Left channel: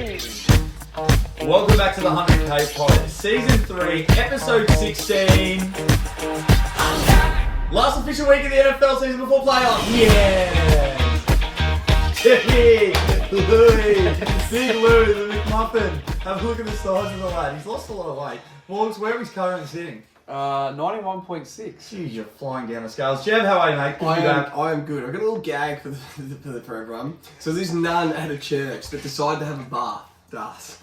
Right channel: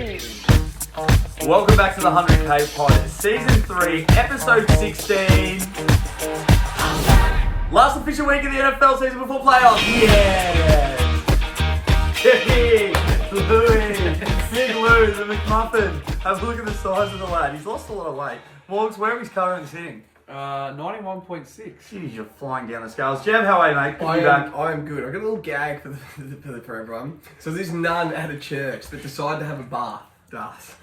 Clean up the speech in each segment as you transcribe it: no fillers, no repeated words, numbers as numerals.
Welcome back to the 100K Pod, Season 3, Episode 16. Last official week of the NFL season before playoffs. Yeah! Big Lou, the McMuffin. Have a look at the size of the lad. He's lost a lot of weight. Morgs, where is currently sitting? 91.6. Jeez, you're flying down the scales. Jeff, how are you, mate? I am good. I got a little gag for everyone. So this nun at a church that decided to have a bath. As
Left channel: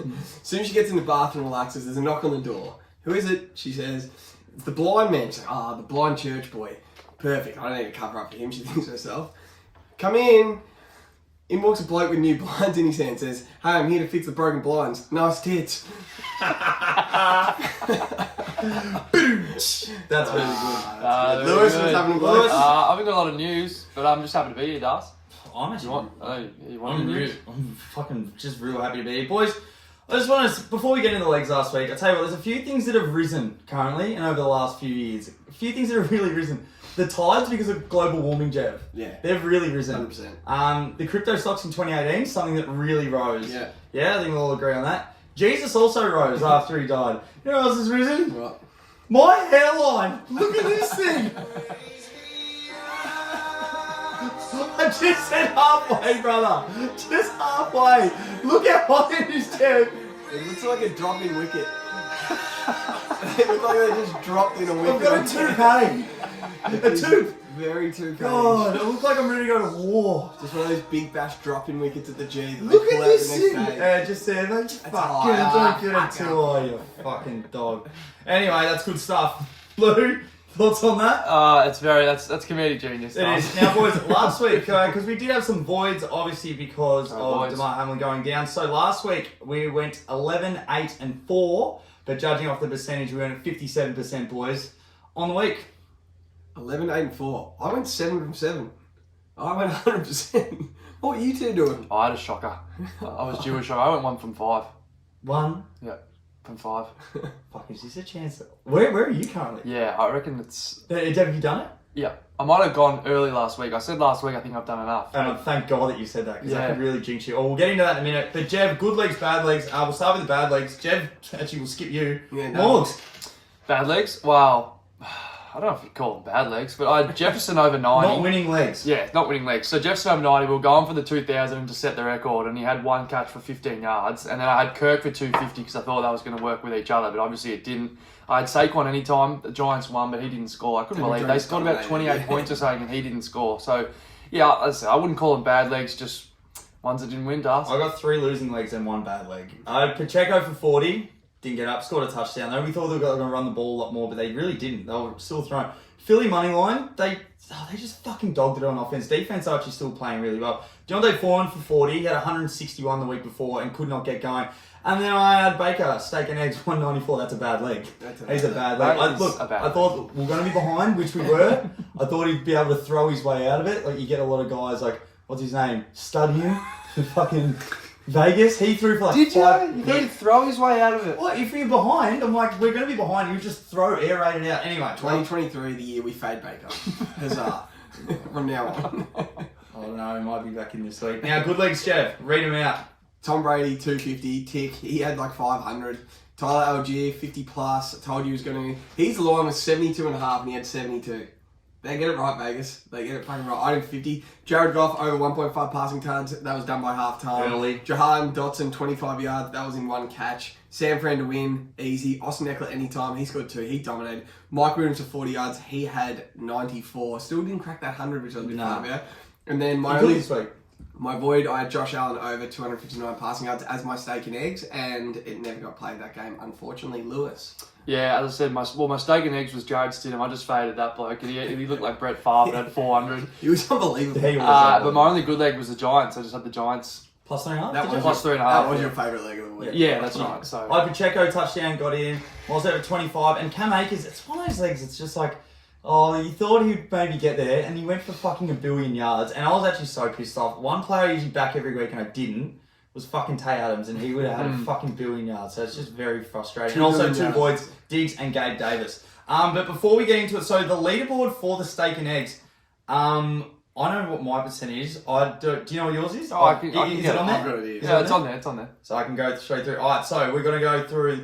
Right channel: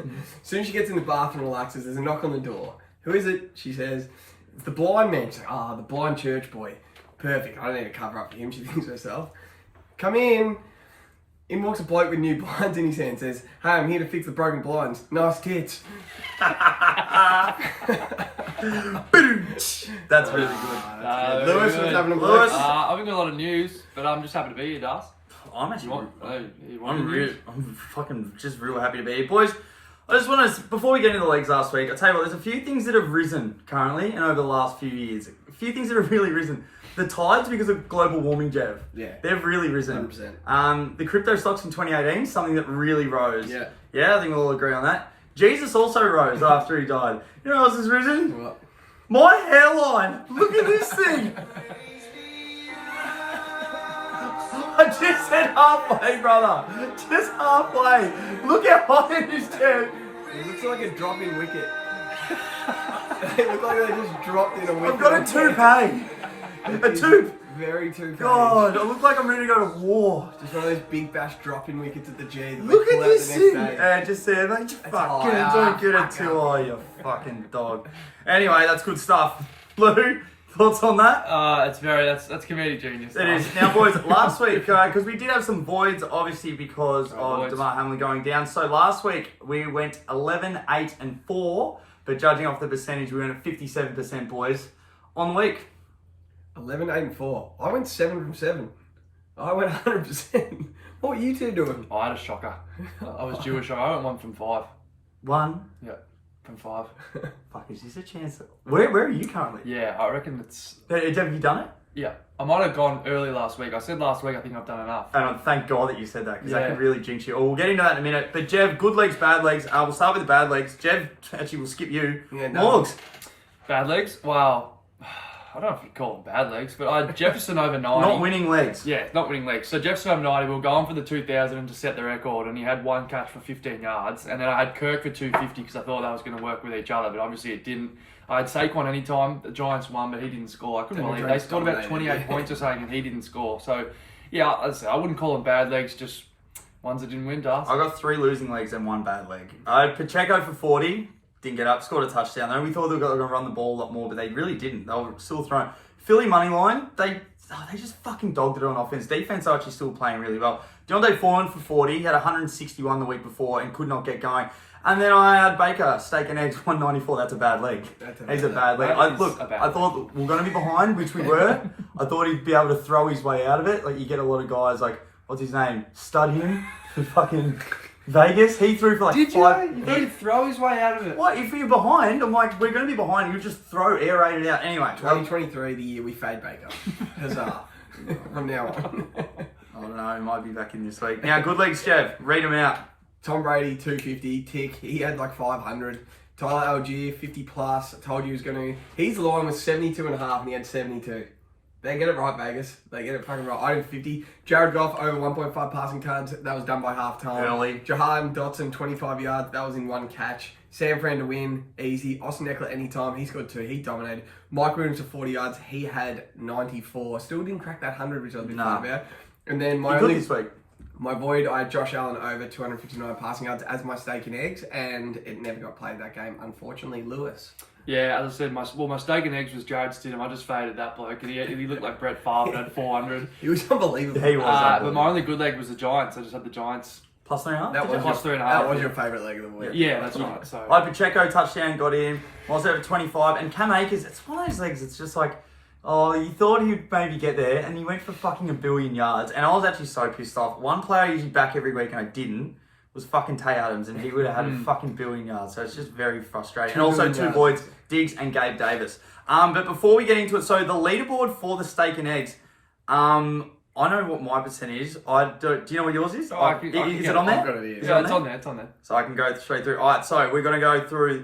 soon as she gets in the bath and relaxes, there's a knock on the door. Who is it? She says, it's the blind man. She's like, the blind church boy. Perfect. I don't need to cover up for him. She thinks herself. Come in. In walks a bloke with new blinds in his hand. Says, hey, I'm here to fix the broken blinds. Nice tits. That's really good. Lewis, what's happening, blokes? I haven't got a lot of news, but I'm just happy to be here, Das. I'm actually I'm I'm fucking just real happy to be here. Boys, I just want to, before we get into the legs last week, I'll tell you what, there's a few things that have risen currently and over the last few years. A few things that have really risen. The tides, because of global warming, Jeff. Yeah. They've really risen. 100%. The crypto stocks in 2018, something that really rose. Yeah. Yeah, I think we'll all agree on that. Jesus also rose after he died. You know what else has risen? What? My hairline. Look at this thing. I just said halfway, brother. Just halfway. Look how high it is, Jeff. It looks like a dropping wicket. It looks like they just dropped in a wicket. I've got a toupee. A toupee. Very toupee. God, I look like I'm ready to go to war. Just one of those big bash dropping wickets at the G that Look they pull at out this the next thing. day. Just there, mate. That's Fucking high. don't get it too high, you fucking dog. Anyway, that's good stuff. Lou, thoughts on that? that's comedic genius. It is. Now, boys, last week, because we did have some voids, obviously, because of voids. DeMar Hamlin going down. So last week, we went 11, 8, and 4. But judging off the percentage, we went at 57%, boys, on the week. 11, 8, and 4. I went 7 from 7. I went 100%. What were you two doing? I had a shocker. I was Jewish. I went 1 from 5. 1. Yeah, from 5. Fuck, is this a chance? Where are you currently? Yeah, I reckon it's... Have you done it? Yeah. I might have gone early last week. I said last week I think I've done enough. And thank God that you said that, because that Yeah. could really jinx you. Oh, we'll get into that in a minute. But Jev, good legs, bad legs. We'll start with the bad legs. Jev, actually, we'll skip you. Yeah, no. Morgs. Bad legs? Wow. I don't know if you call them bad legs, but I had Jefferson over 90. Not winning legs. Yeah, not winning legs. So Jefferson over 90, we were going for the 2,000 to set the record, and he had one catch for 15 yards. And then I had Kirk for 250 because I thought that was going to work with each other, but obviously it didn't. I had Saquon anytime. The Giants won, but he didn't score. I couldn't believe it. They scored about 28 points or something, and he didn't score. So, yeah, I wouldn't call them bad legs, just ones that didn't win, Das. I got 3 losing legs and 1 bad leg. I had Pacheco for 40. Didn't get up. Scored a touchdown, though. We thought they were going to run the ball a lot more, but they really didn't. They were still throwing. Philly money line, they just fucking dogged it on offense. Defense are actually still playing really well. Deontay Foreman for 40, he had 161 the week before and could not get going. And then I had Baker, steak and eggs, 194. That's a bad leg. He's a bad leg. I thought we were going to be behind, which we were. I thought he'd be able to throw his way out of it. Like, you get a lot of guys like, what's his name? Studying for fucking Vegas. He threw for like Did 5. you? He'd throw his way out of it. What, if you're behind? I'm like, we're going to be behind. You just throw air raid it out. Anyway, 2023, the year we fade Baker. Huzzah. From now on. Oh no, he might be back in this week. Now, good legs, Jeff. Read them out. Tom Brady, 250, tick. He had like 500. Tyler Algier, 50 plus. I told you he was going to... He's the one with 72.5 and he had 72. They get it right, Vegas. They get it fucking right. I had 50. Jared Goff, over 1.5 passing yards. That was done by half time. Early. Jahan Dotson, 25 yards. That was in 1 catch. Sam Fran to win. Easy. Austin Eckler, anytime. He scored 2. He dominated. Mike Williams for 40 yards. He had 94. Still didn't crack that 100, which I was a bit far about. And then my this week. My void, I had Josh Allen over 259 passing yards as my steak and eggs, and it never got played that game, unfortunately. Lewis. Yeah, as I said, my steak and eggs was Jared Stidham. I just faded that bloke, and he looked like Brett Favre at 400. He was unbelievable. He was but my only good leg was the Giants. I just had the Giants. Plus 3.5? That was plus 3.5. That was your favourite leg of the week. Yeah, that's right. So I Pacheco touchdown, got him. Miles over 25. And Cam Akers, it's one of those legs, it's just like, oh, you thought he'd maybe get there, and he went for fucking 1 billion yards. And I was actually so pissed off. One player I usually back every week, and I didn't, was fucking Tay Adams, and he would have had a fucking 1 billion yards. So it's just very frustrating. And also 2 voids, Diggs and Gabe Davis. But before we get into it, so the leaderboard for the steak and eggs, I know what my percent is. Do you know what yours is? Oh, I can is get it on there? I've got it here. Yeah, it's on there. It's on there. So I can go straight through. All right, so we're going to go through.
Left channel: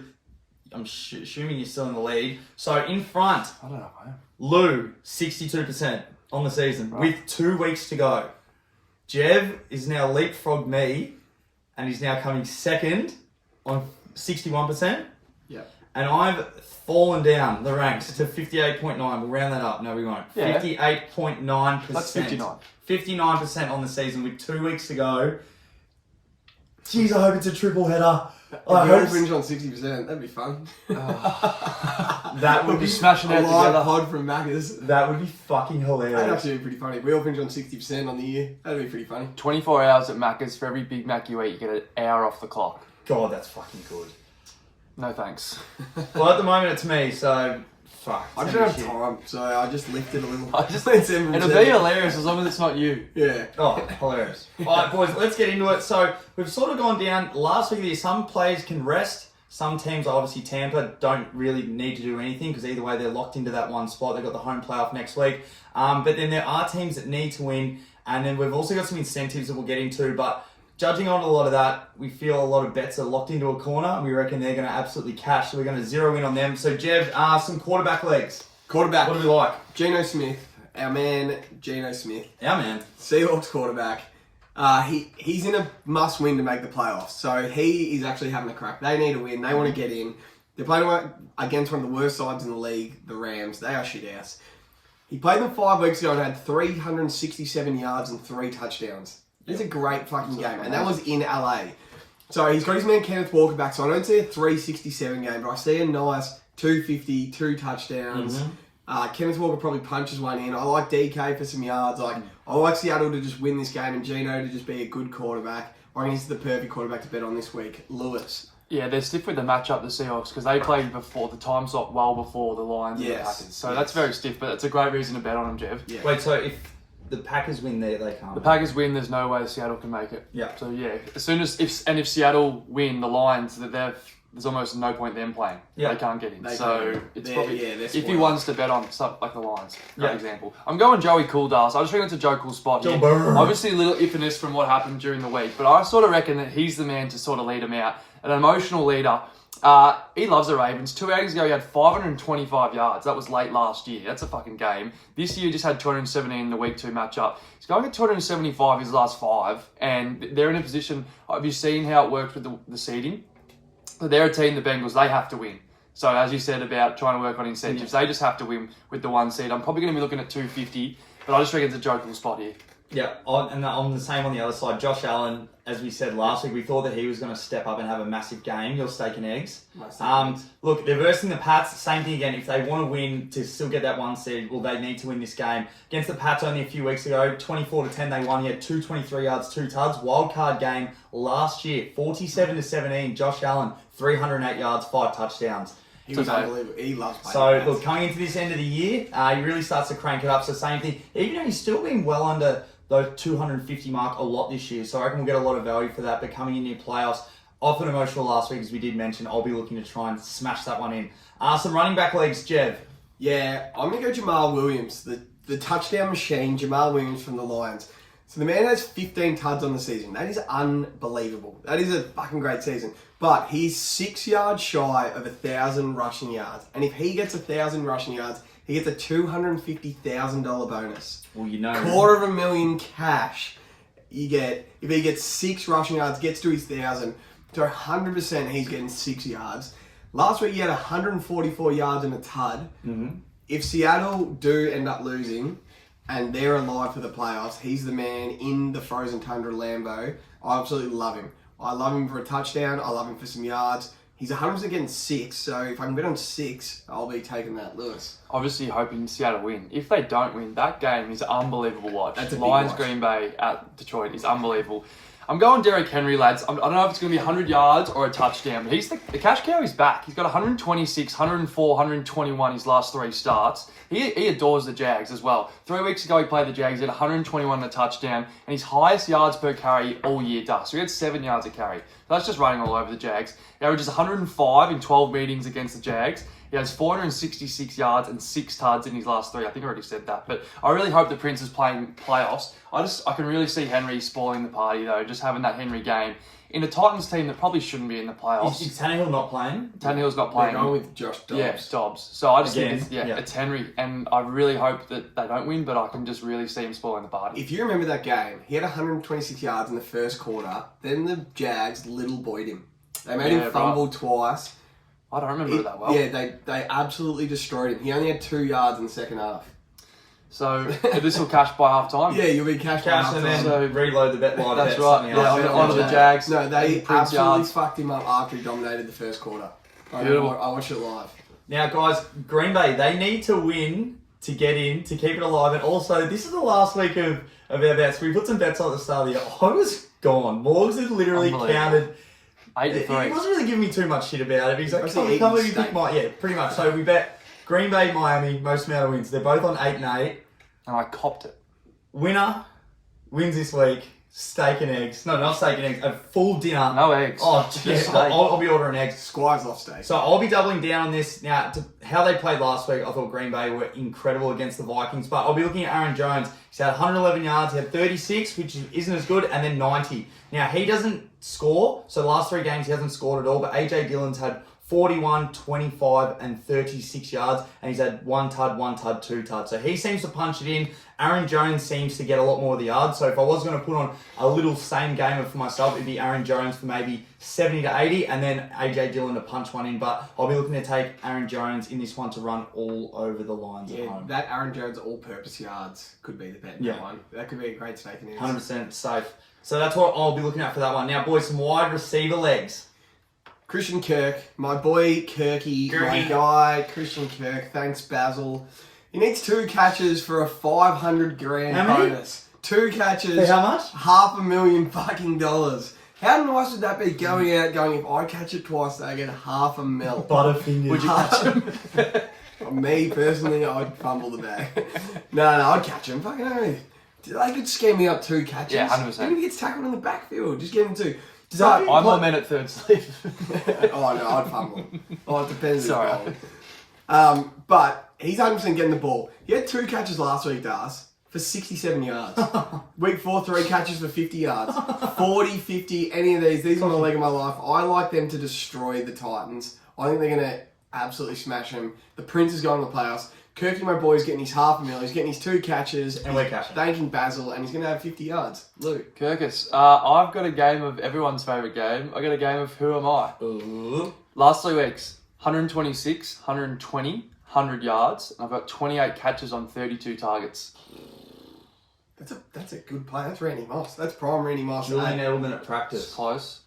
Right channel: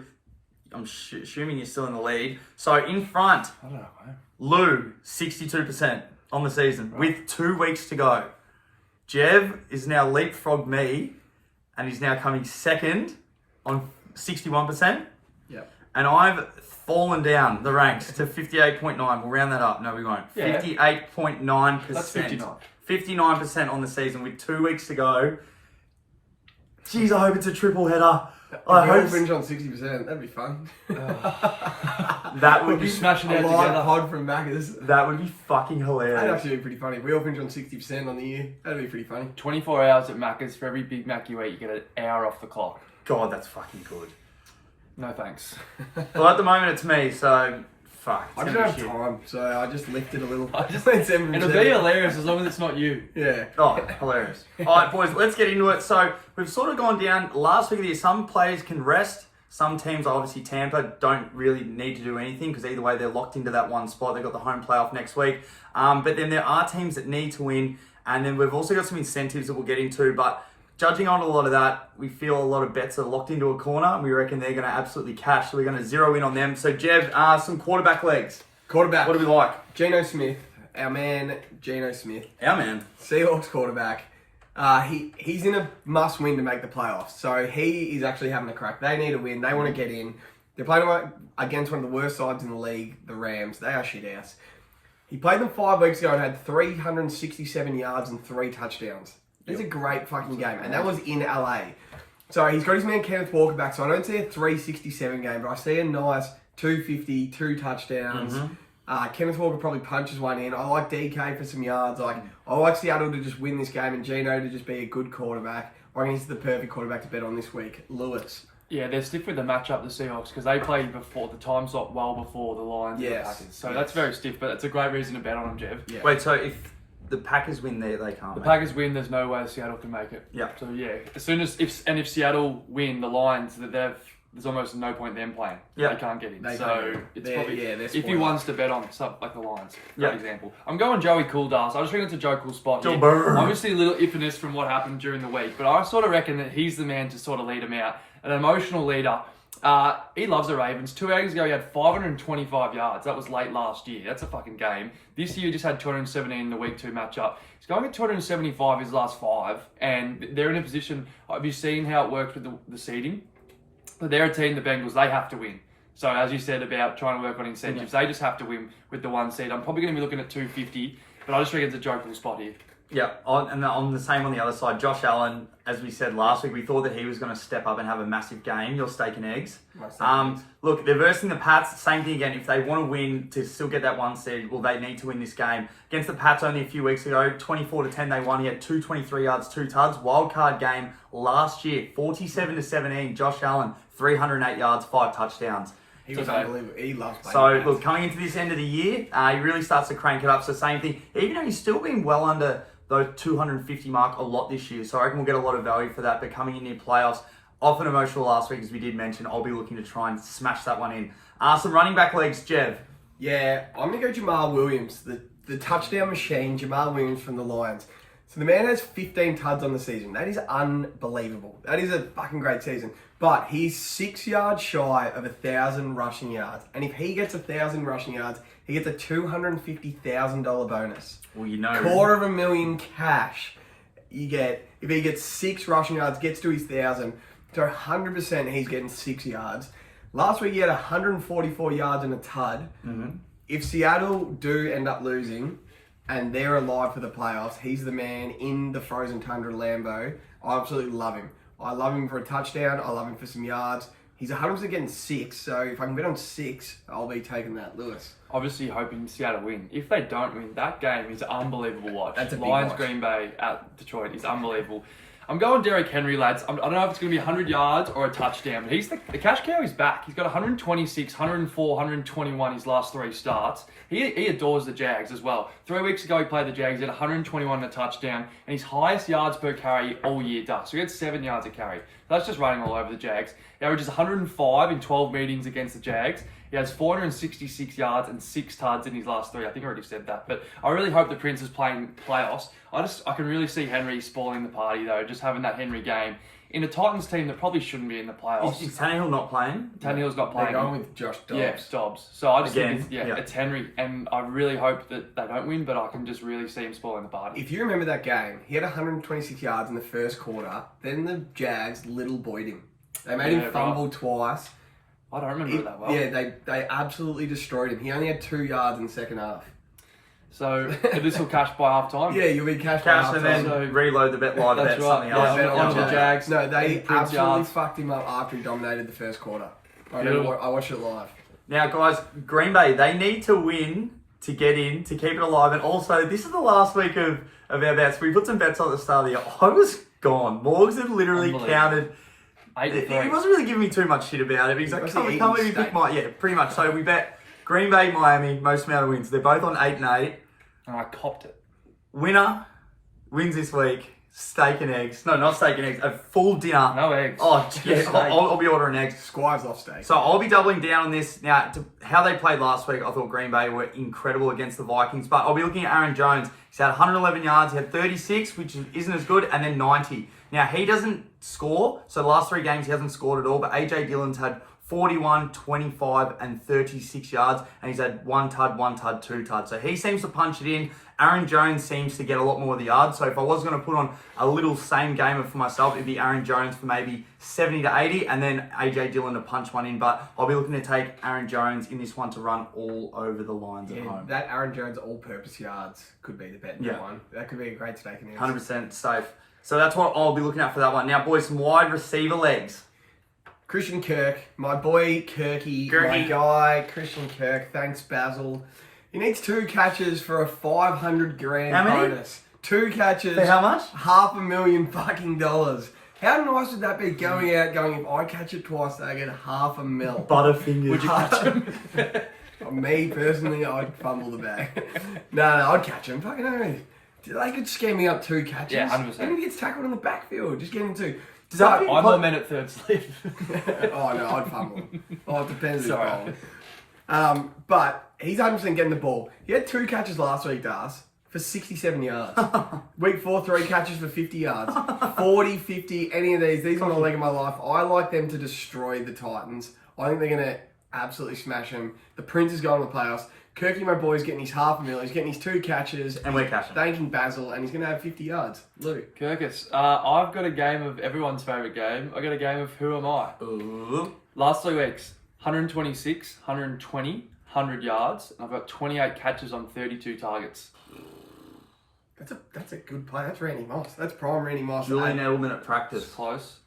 I'm assuming you're still in the lead. So in front, I don't know, man. Lou, 62% on the season Right. with 2 weeks to go. Jev is now leapfrogged me and he's now coming second on 61%. Yep. And I've fallen down the ranks to 58.9. We'll round that up. No, we won't. Yeah. 58.9%. That's 59. 59% on the season with 2 weeks to go. Jeez, I hope it's a triple header. I If we all hope finish on 60%, that'd be fun. that would We'll be be smashing A out live together. pod from Macca's. that would be fucking That'd hilarious. actually be pretty funny. If we all finish on 60% on the year, that'd be pretty funny. 24 hours at Macca's. For every Big Mac you eat, you get an hour off the clock. God, that's fucking good. No thanks. Well, at the moment it's me, so fuck. I just don't have time, so I just lifted a little. I just- It's M&T. It'll be hilarious as long as it's not you. Yeah. Oh, hilarious. All right, boys, let's get into it. So we've sort of gone down last week of the year. Some players can rest. Some teams, obviously Tampa, don't really need to do anything because either way they're locked into that one spot. They've got the home playoff next week. But then there are teams that need to win. And then we've also got some incentives that we'll get into. But judging on a lot of that, we feel a lot of bets are locked into a corner. And we reckon they're going to absolutely cash. So we're going to zero in on them. So Jev, some quarterback legs. Quarterback. What do we like? Geno Smith. Our man, Geno Smith. Our man. Seahawks quarterback. He's in a must win to make the playoffs. So he is actually having a crack. They need to win. They want to get in. They're playing against one of the worst sides in the league, the Rams. They are shit house. He played them 5 weeks ago and had 367 yards and 3 touchdowns. It's a great fucking game. And that was in LA. So he's got his man Kenneth Walker back. So I don't see a 367 game, but I see a nice 250, 2 touchdowns. Kenneth Walker probably punches one in. I like DK for some yards. I like Seattle to just win this game and Geno to just be a good quarterback. I think he's the perfect quarterback to bet on this week. Lewis. Yeah, they're stiff with the matchup, the Seahawks, because they played before the time slot well before the Lions and the Yes. Packers. So that's very stiff, but it's a great reason to bet on them, Jev. Yeah. Wait, so if the Packers win there, they can't. The Packers win, there's no way Seattle can make it. Yeah. So yeah, as soon as if Seattle win, the Lions there's almost no point them playing. Yeah. They can't get in. They So can't. it's They're- probably yeah, they're if you spoiled. wants to bet on something like the Lions, for Yeah. example. I'm going Joey Cooldas. I just think it's a Joe Cool spot. Joe here. Burr. Obviously a little iffiness from what happened during the week, but I sort of reckon that he's the man to sort of lead them out. An emotional leader. He loves the Ravens. 2 years ago, he had 525 yards. That was late last year. That's a fucking game. This year, he just had 217 in the week 2 matchup. He's going at 275 his last 5, and they're in a position. Have you seen how it works with the seeding? So they're a team, the Bengals, they have to win. So as you said about trying to work on incentives, they just have to win with the 1 seed. I'm probably going to be looking at 250, but I just think it's a jokeable spot here. Yeah, and on the same on the other side, Josh Allen, as we said last week, we thought that he was going to step up and have a massive game. Your steak and eggs. My steak and eggs. Look, they're versing the Pats. Same thing again. If they want to win to still get that 1 seed, well, they need to win this game. Against the Pats only a few weeks ago, 24-10 they won. He had 223 yards, 2 tugs. Wild card game last year, 47-17. Josh Allen, 308 yards, 5 touchdowns. He was unbelievable. He loves playing. So, defense. look, coming into this end of the year, he really starts to crank it up. So, same thing. Even though he's still been well under those 250 mark a lot this year. So, I reckon we'll get a lot of value for that. But coming in playoffs, often emotional last week, as we did mention, I'll be looking to try and smash that one in. Some running back legs, Jev. Yeah, I'm going to go Jamal Williams, the touchdown machine, Jamal Williams from the Lions. So the man has 15 tuds on the season. That is unbelievable. That is a fucking great season. But he's 6 yards shy of 1,000 rushing yards. And if he gets 1,000 rushing yards, he gets a $250,000 bonus. Well, you know. $250,000 cash. You get, if he gets 6 rushing yards, gets to his 1,000, so 100% he's getting 6 yards. Last week he had 144 yards and a tud. If Seattle do end up losing and they're alive for the playoffs, he's the man in the frozen tundra Lambeau. I absolutely love him. I love him for a touchdown. I love him for some yards. He's 100% getting 6, so if I can bet on 6, I'll be taking that, Lewis. Obviously hoping Seattle win. If they don't win, that game is unbelievable watch. That's a big Lions watch. Green Bay at Detroit is unbelievable. I'm going Derrick Henry, lads. I don't know if it's going to be 100 yards or a touchdown. But the cash cow is back. He's got 126, 104, 121 his last 3 starts. He adores the Jags as well. 3 weeks ago he played the Jags. He had 121 and a touchdown. And his highest yards per carry all year does. So he had 7 yards a carry. That's just running all over the Jags. He averages 105 in 12 meetings against the Jags. He has 466 yards and 6 tuds in his last 3. I think I already said that. But I really hope the Prince is playing playoffs. I can really see Henry spoiling the party, though, just having that Henry game. In a Titans team that probably shouldn't be in the playoffs. Is Tannehill not playing? Tannehill's not playing. They're going with Josh Dobbs. Yeah, Dobbs. So I just Again, think it's Henry. And I really hope that they don't win, but I can just really see him spoiling the party. If you remember that game, he had 126 yards in the first quarter. Then the Jags little boyed him. They made him fumble twice. I don't remember it that well. Yeah, they absolutely destroyed him. He only had 2 yards in the second half. So this will cash by half time. Yeah, you'll be cash and then So- reload the bet live bet. That's right. Something Yeah, else. on the Jags. No, they and Prince absolutely yards. fucked him up after he dominated the first quarter. Beautiful. I watched it live. Now, guys, Green Bay, they need to win to get in, to keep it alive. And also, this is the last week of our bets. We put some bets on at the start of the year. I was gone. Morgs had literally counted. 8-3. He wasn't really giving me too much shit about it. He's like, Was can't he believe you eating picked my... Yeah, pretty much. So we bet Green Bay, Miami, most amount of wins. They're both on 8 and 8. And I copped it. Winner wins this week. Steak and eggs. No, not steak and eggs. A full dinner. No eggs. Oh, Just yeah, steak. I'll be ordering eggs. Squires off steak. So I'll be doubling down on this. Now, how they played last week, I thought Green Bay were incredible against the Vikings. But I'll be looking at Aaron Jones. He's had 111 yards. He had 36, which isn't as good, and then 90. Now, he doesn't score. So the last 3 games, he hasn't scored at all. But AJ Dillon's had 41, 25, and 36 yards. And he's had 1 tud, 2 tud. So he seems to punch it in. Aaron Jones seems to get a lot more of the yards. So if I was going to put on a little same gamer for myself, it'd be Aaron Jones for maybe 70 to 80 and then AJ Dillon to punch one in. But I'll be looking to take Aaron Jones in this one to run all over the lines at Yeah, home. that Aaron Jones all-purpose yards could be the bet in that one. That could be a great steak and eggs. 100% safe. So that's what I'll be looking at for that one. Now, boys, some wide receiver legs. Christian Kirk, my boy Kirky, my guy Christian Kirk. Thanks, Basil. He needs 2 catches for a 500 grand How many? bonus. 2 catches. For how much? $500,000 fucking dollars. How nice would that be going if I catch it twice, I get $500,000. Butterfingers. Would you catch him? Me personally, I'd fumble the bag. No, I'd catch him. Fucking hell. They could scare me up 2 catches. Yeah, 100%. And he gets tackled in the backfield. Just get him 2. that- I'm more men at third sleeve. Oh no, I'd fumble. Oh, it depends. Sorry. But he's 100% getting the ball. He had 2 catches last week, Das, for 67 yards. Week 4, 3 catches for 50 yards. 40, 50, any of these are on the leg of my life. I like them to destroy the Titans. I think they're going to absolutely smash them. The Prince is going to the playoffs. Kirky, my boy, is getting his $500,000. He's getting his 2 catches. And we're cashing. Thanking Basil, and he's going to have 50 yards. Luke. Kirkus, I've got a game of everyone's favourite game. I got a game of Who Am I? Ooh. Last 3 weeks, 126, 120, 100 yards, and I've got 28 catches on 32 targets. That's a good play. That's Randy Moss. That's prime Randy Moss. Julian Edelman at It's practice. close.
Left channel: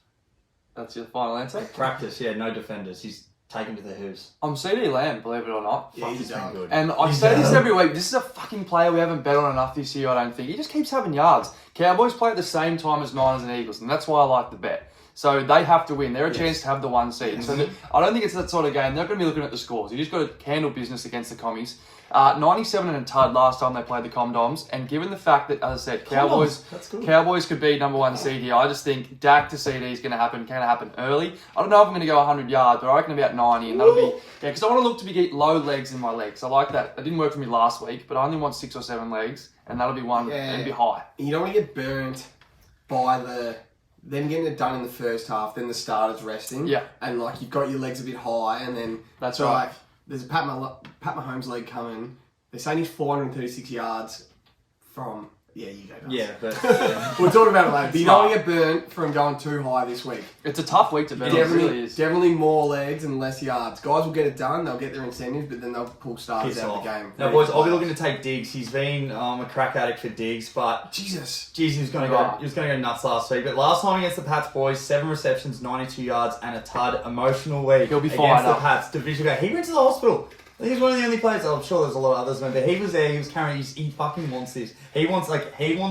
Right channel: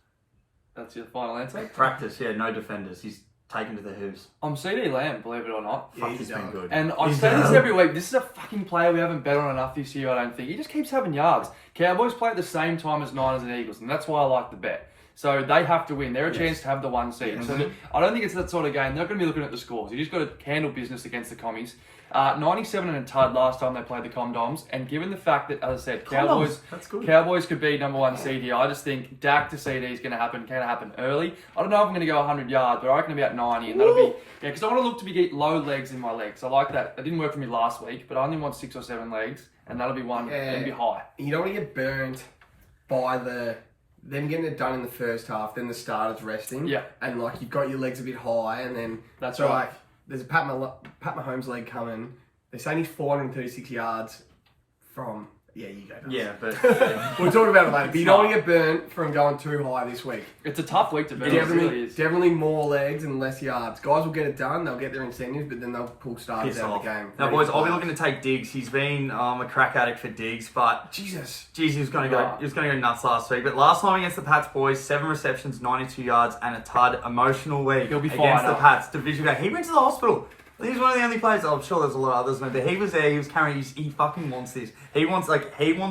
That's your final answer? Practice, yeah, no defenders. He's taken to the hooves. I'm CD Lamb, believe it or not. Yeah, Fuck, he's been done. good. And I He's say this done. every week. This is a fucking player we haven't bet on enough this year, I don't think. He just keeps having yards. Cowboys play at the same time as Niners and Eagles, and that's why I like the bet. So they have to win. They're a chance to have the 1 seed. So I don't think it's that sort of game. They're not going to be looking at the scores. You just got to handle business against the commies. 97 and a tud last time they played the Comdoms, and given the fact that, as I said, That's good. Cowboys could be number 1 seed here. I just think Dak to CD is going to happen early. I don't know if I'm going to go 100 yards, but I reckon about 90, and that'll be because I want to look to get low legs in my legs. I like that. It didn't work for me last week, but I only want 6 or 7 legs, and that'll be one and be high. You don't want to get burnt by them getting it done in the first half, then the starters resting. Yeah. And like you've got your legs a bit high, and then That's so right. like there's a Pat Mahomes leg coming. They're saying he's 436 yards from. Yeah, you go. Nuts. Yeah, but We'll talk about it later. But you don't want to get burnt from going too high this week. It's a tough week to bet. It really is. Definitely more legs and less yards. Guys will get it done. They'll get their incentives, but then they'll pull starters piss out off. of the game. Now, boys, I'll be looking to take Diggs. He's been a crack addict for Diggs, but Jesus. geez, he was going to go nuts last week. But last time against the Pats, boys, 7 receptions, 92 yards, and a tud. Emotional week He'll be against fired the up. Pats. Division game. He went to the hospital. He was one of the only players. I'm sure there's a lot of others, but he was there. He was carrying. He fucking wants this. He wants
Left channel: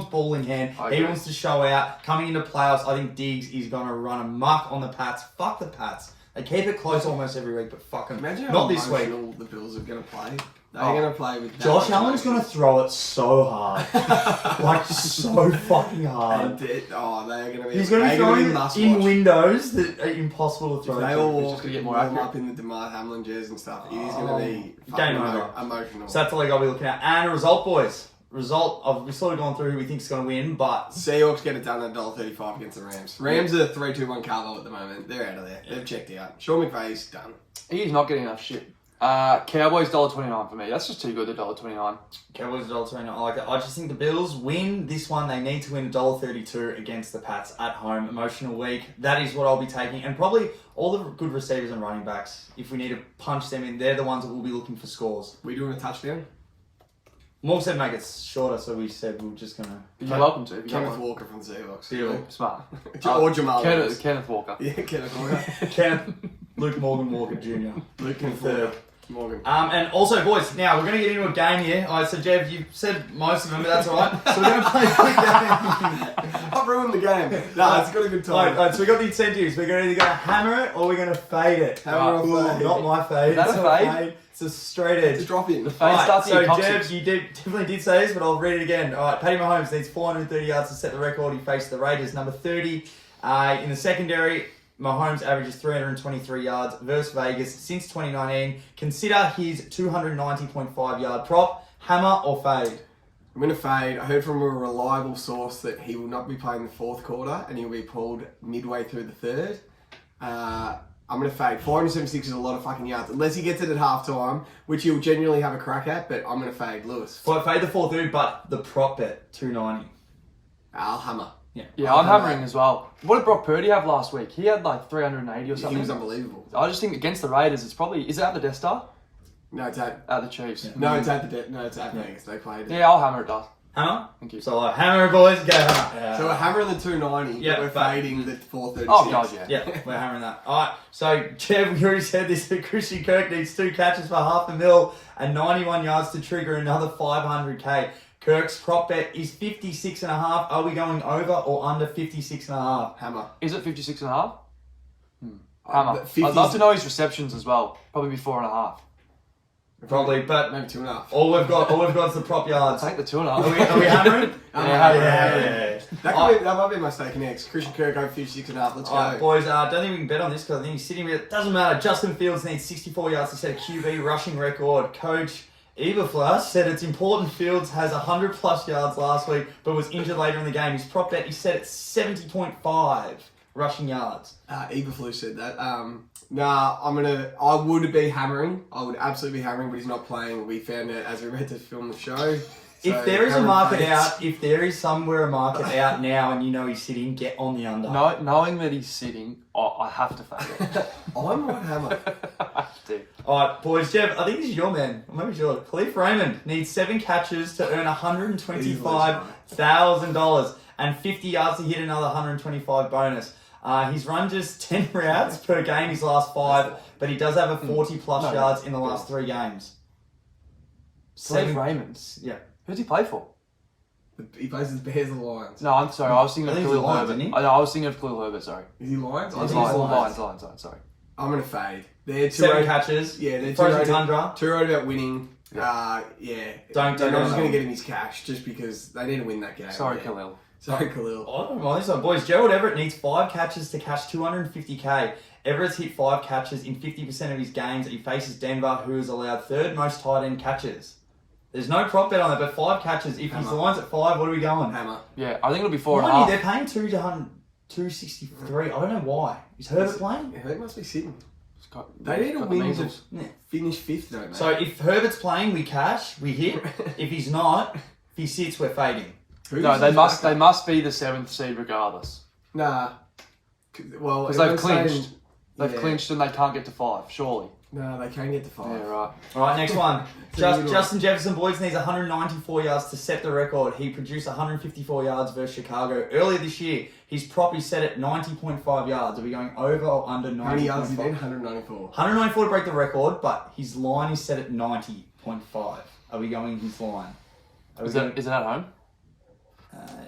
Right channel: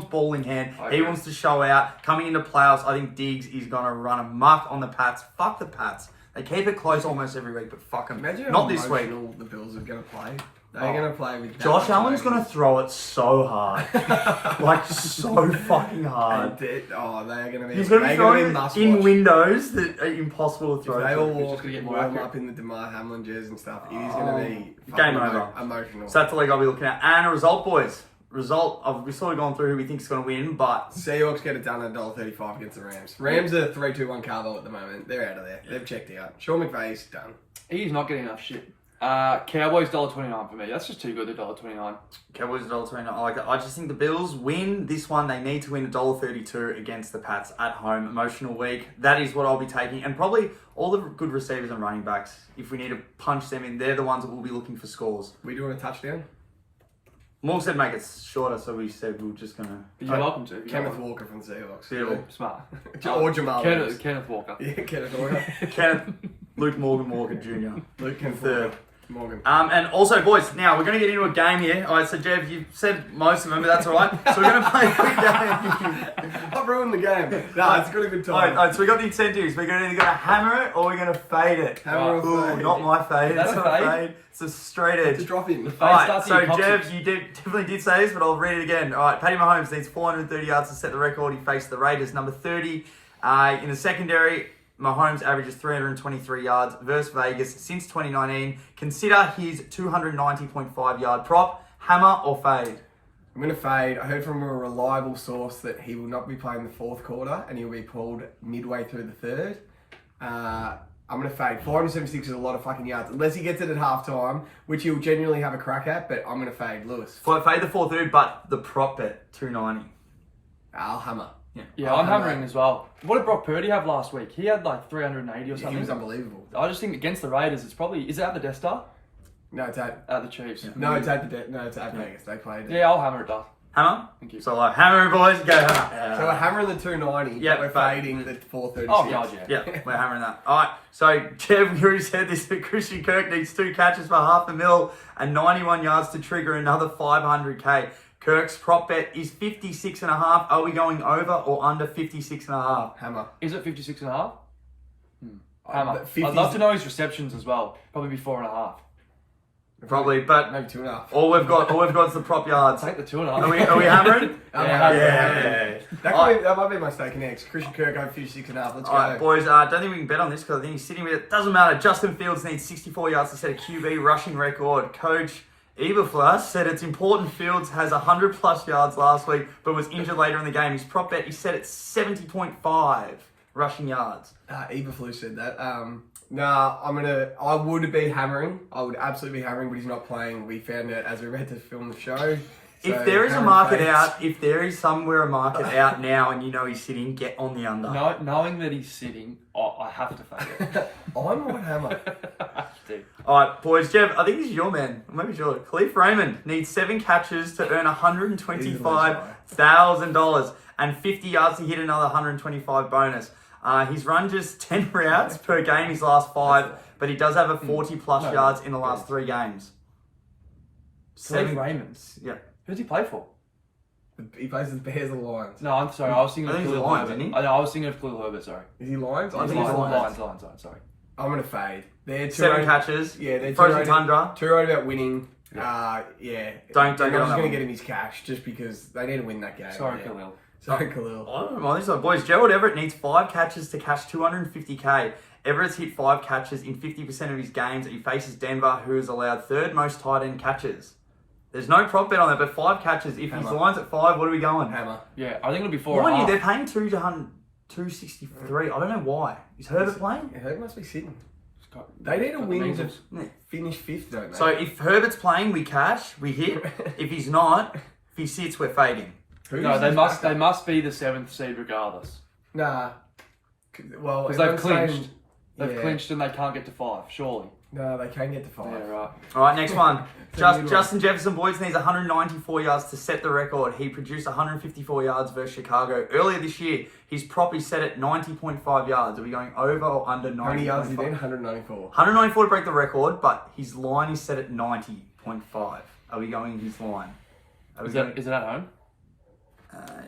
ball in hand. Okay. He wants to show out. Coming into playoffs, I think Diggs is gonna run amok on the Pats. Fuck the Pats. They keep it close almost every week, but fuck them. Imagine how Not this week. emotional the Bills are going to play. They're going to play with... Josh Allen's going to throw it so hard. Like, so fucking hard. They're going to be... He's going to be throwing must in watch. windows that are impossible to throw. If they all He's just gonna get more warm accurate. up in the DeMar Hamlin jerseys and stuff, it is going to be Game fucking over. emotional. So that's the league I'll be looking at. And a result, boys. We've sort of gone through who we think is going to win, but... Seahawks get it done at $1.35 against the Rams. Rams are 3-2-1 Carbo at the moment. They're out of there. They've checked out. Sean McVay's done. He's not getting enough shit. Cowboys $1.29 for me. That's just too good, $1.29. Cowboys $1.29. I like that. I just think the Bills win this one. They need to win $1.32 against the Pats at home. Emotional week. That is what I'll be taking. And probably all the good receivers and running backs, if we need to punch them in, they're the ones that will be looking for scores. We doing a touchdown? Morg said make it shorter, so we said we were just going to... You're welcome to. Kenneth Walker from the Seahawks. Beautiful. Smart. Or Jamal Williams. Kenneth Walker. Yeah, Kenneth Walker. Kenneth, Luke Walker Jr. Luke Kenneth Walker. Morgan. And also, boys, now we're going to get into a game here. All right, so Jeff, you've said most of them, but that's all right. So we're going to play a game. I've ruined the game. No, it's got a good time. All right, so we got the incentives. We're either going to hammer it or we're going to fade it. Hammer or fade? Not my fade. That's It's a not fade? fade. It's a straight edge. It's a drop in. All right, starts so in your Jeff, coccyx. you definitely did say this, but I'll read it again. All right, Paddy Mahomes needs 430 yards to set the record. He faced the Raiders, number 30. In the secondary, Mahomes averages 323 yards versus Vegas since 2019. Consider his 290.5 yard prop. Hammer or fade? I'm going to fade. I heard from a reliable source that he will not be playing the fourth quarter and he'll be pulled midway through the third. I'm going to fade. 476 is a lot of fucking yards. Unless he gets it at halftime, which he'll genuinely have a crack at, but I'm going to fade Lewis. Fade the 430, but the prop bet, 290. I'll hammer. Yeah, I'm hammering as well. What did Brock Purdy have last week? He had like 380 or something. He was unbelievable. I just think against the Raiders, it's probably... Is it at the Death Star? No, it's at At the Chiefs. no, it's at Vegas. They played it. Yeah, I'll hammer it, does. Hammer? Thank you. So hammer it, boys. Go hammer. So we're hammering the 290, Yeah, but we're but- fading the 436. Oh, God, yeah. Yeah, we're hammering that. All right, so Jeff already said this, that Christian Kirk needs 2 catches for $500,000 and 91 yards to trigger another $500K. Kirk's prop bet is 56.5. Are we going over or under 56.5? Hammer. Is it 56.5? But Hammer. 50's I'd love to know his receptions as well. Probably be 4.5. Probably, but maybe 2.5. all we've got is the prop yards. Take the Are we 2.5. hammering? Yeah. That might be my stake next. Christian Kirk over 56.5. Let's go. All right, boys, don't think we can bet on this because I think he's sitting with it. Doesn't matter. Justin Fields needs 64 yards to set a QB rushing record. Coach Eberflus said it's important Fields has 100 plus yards last week, but was injured later in the game. His prop bet, he set at 70.5 rushing yards. Eberflus said that. I would be hammering. I would absolutely be hammering, but he's not playing. We found out as we read to film the show. If there is a market out, if there is somewhere a market out now and you know he's sitting, get on the under. No, knowing that he's sitting, I have to fade it. I might hammer. Dude. All right, boys, Jeff, I think this is your man. Or maybe it's yours. Khalif Raymond needs 7 catches to earn $125,000 and 50 yards to hit another 125 bonus. He's run just 10 routes per game his last 5, but he does have a 40 plus yards in the last 3 games. Khalif Raymond. Yeah. Who's he play for? He plays as Bears or Lions. No, I'm sorry. I was thinking I of think he's Khalil Lions, Herbert. isn't he? I was thinking of Khalil Herbert, sorry. Is he Lions? I think he's Lions, sorry. I'm going to fade. They're 7 catches. Yeah, they're Frozen Tundra. Two road about winning. Yeah. I'm go just on going to that get him his cash just because they need to win that game. Sorry, Yeah. Khalil. Sorry, Khalil. I don't know this one. Boys, Gerald Everett needs 5 catches to cash $250K. Everett's hit 5 catches in 50% of his games. He faces Denver, who has allowed 3rd most tight end catches. There's no prop bet on it, but 5 catches. If his line's at 5, what are we going? Hammer. Yeah, I think it'll be Mind you, 4.5. they're paying 263. I don't know why. Is Herbert playing? Yeah, they must be sitting. Got- They need a got the win to measles. finish 5th, don't they? So if Herbert's playing, we cash, we hit. If he's not, if he sits, we're fading. Who's No, they his must backup? be the 7th seed regardless. Nah. Well, Because they've everyone's saying- clinched. They've yeah. clinched and they can't get to 5, surely. No, they can get to 5. Yeah, right. All right, next one. So you Justin Jefferson Boyd needs 194 yards to set the record. He produced 154 yards versus Chicago earlier this year. His prop is set at 90.5 yards. Are we going over or under 90? How many yards is he then? 194. 194 to break the record, but his line is set at 90.5. Are we going his line? Are we Is going? it at home?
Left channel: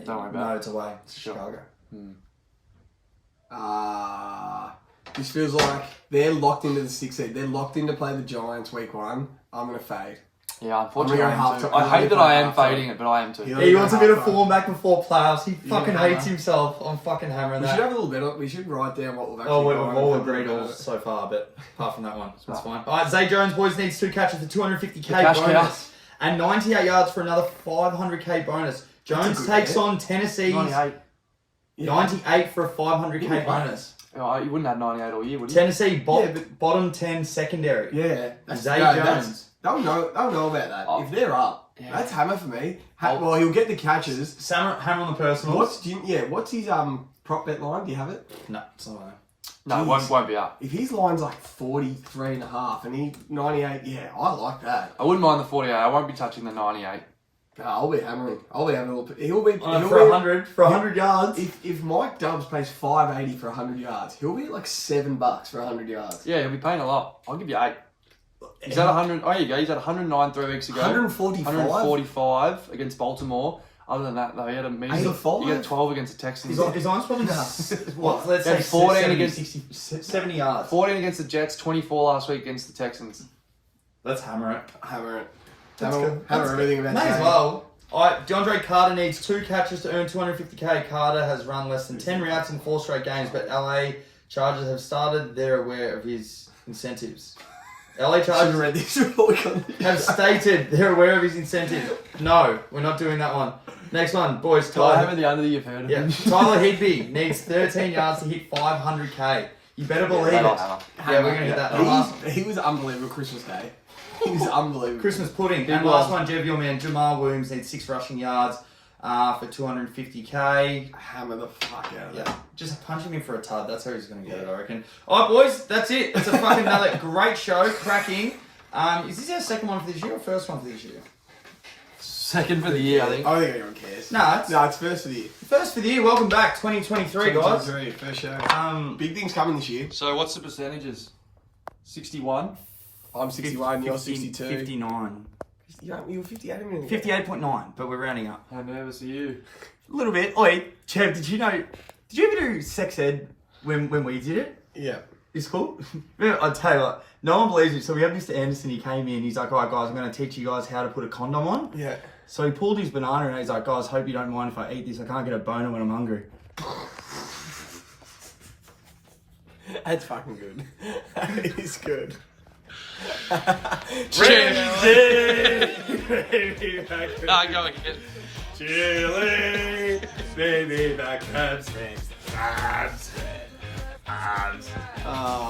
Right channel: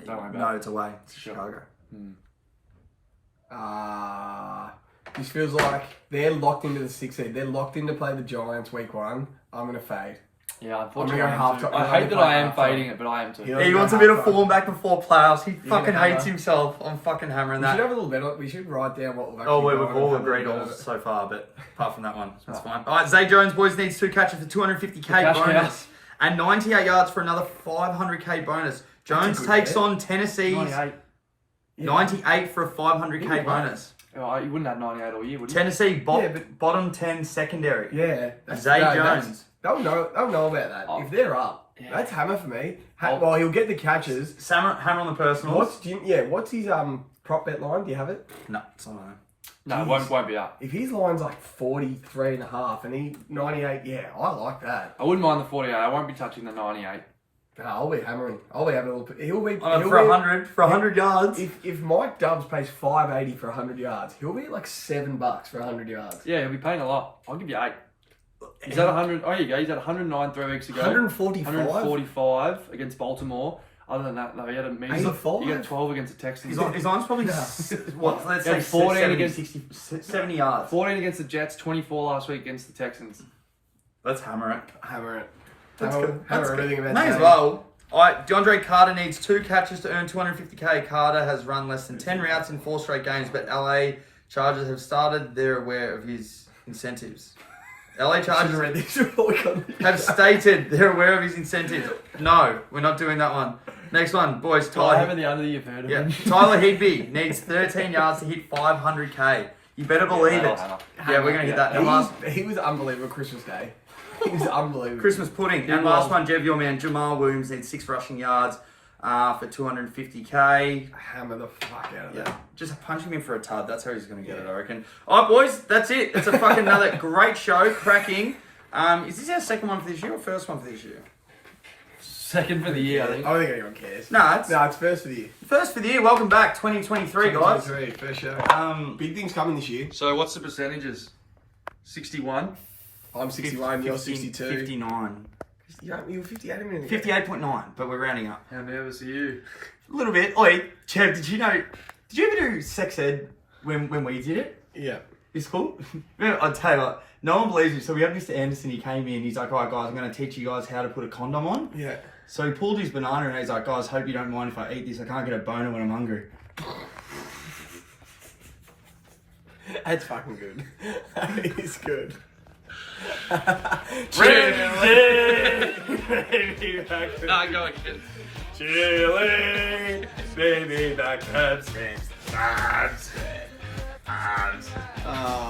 Don't worry about No, it. it's away. It's Sure. Chicago. This feels like they're locked into the 6th seed. They're locked in to play the Giants week 1. I'm going to fade. Yeah, unfortunately, I'm I, gonna am go too. I half-time. hate that I'm I gonna am play half-time. fading it, but I am too. Yeah. He wants a bit of half-time. form back before playoffs. He fucking gonna hates hammer. himself. I'm fucking hammering We should that. have a little bit. We should write down what we've actually Oh, we've got and all have a agreed little on bit of it. so far, but apart from that one, so it's fine. All right, Zay Jones, boys, needs 2 catches for 250k cash bonus cow. and 98 yards for another 500k bonus. Jones good takes bet. on Tennessee's 98. 98 for a 500k Good bonus. Oh, you wouldn't have 98 all year, would you? Tennessee Yeah, but- bottom 10 secondary. Yeah, Zay Jones. They'll know about that. Oh. If they're up, Yeah. that's hammer for me. Oh. Well, he'll get the catches. Hammer on the personals. What's his prop bet line? Do you have it? No, it's not there. No, it won't be up. If his line's like 43.5 and he 98, yeah, I like that. I wouldn't mind the 48. I won't be touching the 98. I'll be hammering. I'll be having a little. He'll be For 100 yards. If Mike Dubs pays $5.80 for 100 yards, he'll be at like $7 for 100 yards. Yeah, he'll be paying a lot. I'll give you 8. He's at 100. Oh, you go. He's at 109 3 weeks ago. 145. 145 against Baltimore. Other than that, though, he had a mean. 85? He had 12 against the Texans. His line's probably what? Let's say Yeah, 14 70, against- 60, 70 yards. 14 against the Jets. 24 last week against the Texans. Let's hammer it. Hammer it. That's Hammer, good. hammer That's everything good. about May the as game. well. All right, DeAndre Carter needs 2 catches to earn 250k. Carter has run less than 10 routes in 4 straight games, but LA Chargers have started. They're aware of his incentives. LA I should have Chargers read this before we got have stated they're aware of his incentive. No, we're not doing that one. Next one, boys. Can I have Tyler, the under you've heard of yeah, him? Tyler Higbee needs 13 yards to hit 500k. You better believe it. that'll Yeah, we're gonna hit that. And last He was unbelievable Christmas Day. He was unbelievable. Christmas pudding. Big And last one. one, Jev, your man, Jamal Williams needs 6 rushing yards for 250k. Hammer the fuck out of Yeah, that. just punch him in for a tud. That's how he's going to get it, I reckon. All right, boys, that's it. It's a fucking another great show, cracking. Is this our second one for this year or first one for this year? Second for the year, I I think. don't think anyone cares. No, it's No, it's first for the year. first for the year. Welcome back, 2023, guys. 2023, first show. Big things coming this year. So what's the percentages? 61. I'm 61, you're 62. 59. You were 58 a minute ago. 58.9, but we're rounding up. How nervous are you? A little bit. Oi, Chev, did you ever do sex ed when we did it? Yeah. It's cool. I'll tell you what, no one believes me. So we have Mr. Anderson, he came in, he's like, all right, guys, I'm going to teach you guys how to put a condom on. Yeah. So he pulled his banana and he's like, guys, hope you don't mind if I eat this. I can't get a boner when I'm hungry. That's fucking good. That is good. Nah, go again. Chili, baby, back abs, Oh.